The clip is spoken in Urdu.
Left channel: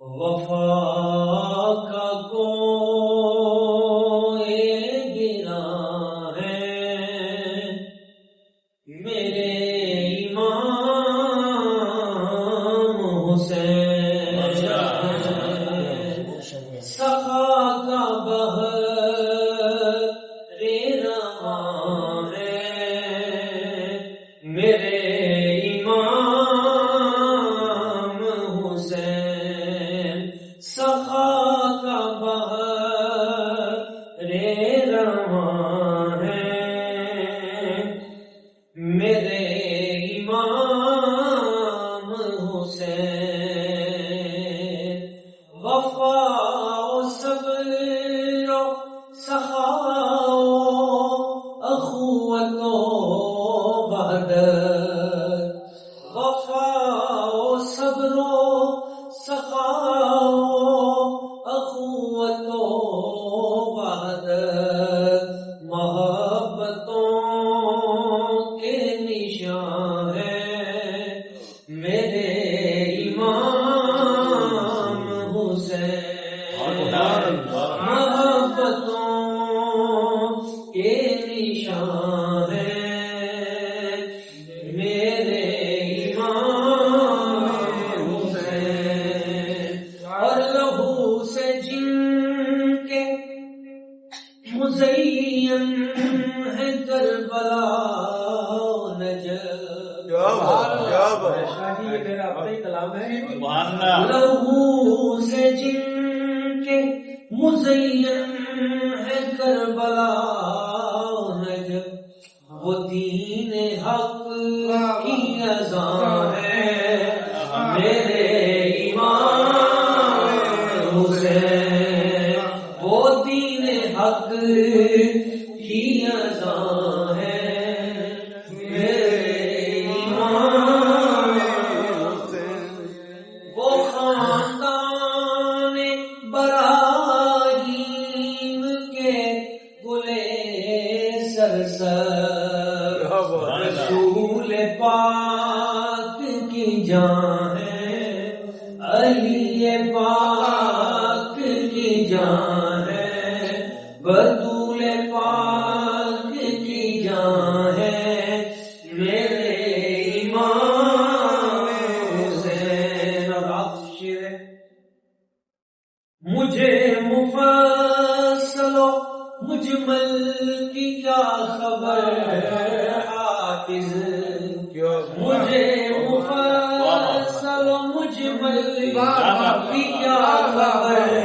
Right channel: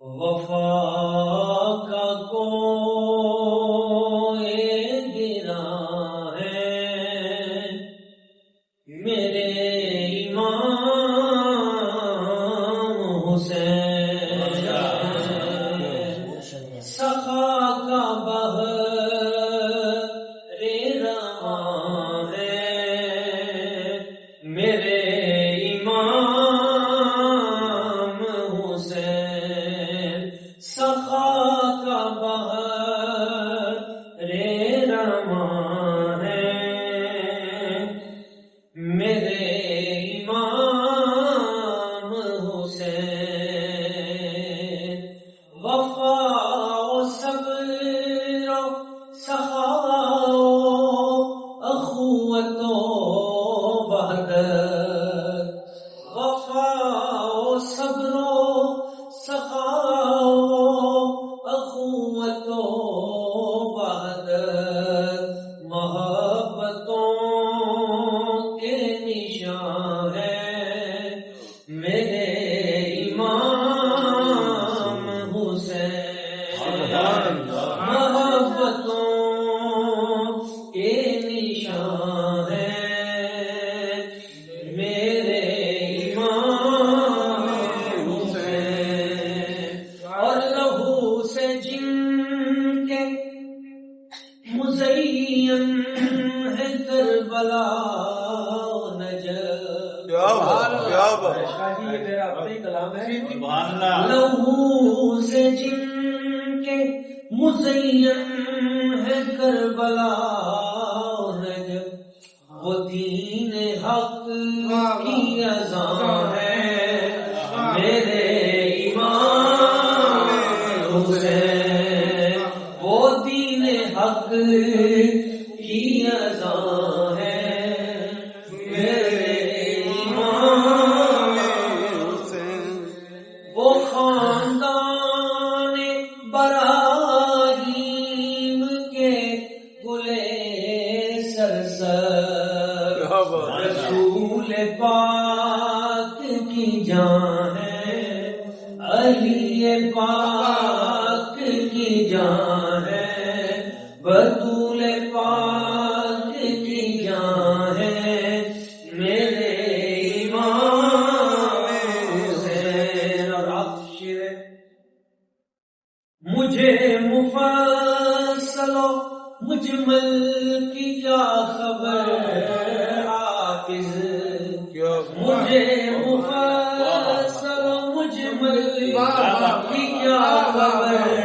وفا کا کوئی گرا ہے میرے امام حسین، سخا کا بحر رواں ہے میرے امام حسین، سخا کا بحر رواں ہے میرے امام حسین، وفا و صبر و سخا و اخوت و وحدت، وفا و صبر و سخا و اخوت و وحدت، محبتوں کے نشان ہے میرے امام حسین، محبتوں کے نشان ہے میرے امام حسین، اور لہو سے جن کے مزین ہے کربلا نجف، لہو سے جن کے مزین ہے کربلا نجف، وہ دین حق کی اذان ہے میرے امام حسین، وہ دین حق کی اذان ہے میرے امام حسین، وہ خاندان براہیم کے گلے سرسر، رسول پاک کی جان ہے، علی پاک کی جان ہے، بطول پاک کی جان ہے میرے امام حسین، اور آپ شیر مجھے مفصل و مجمل کی کیا خبر حافظ، مجھے مفصل و مجمل کی کیا خبر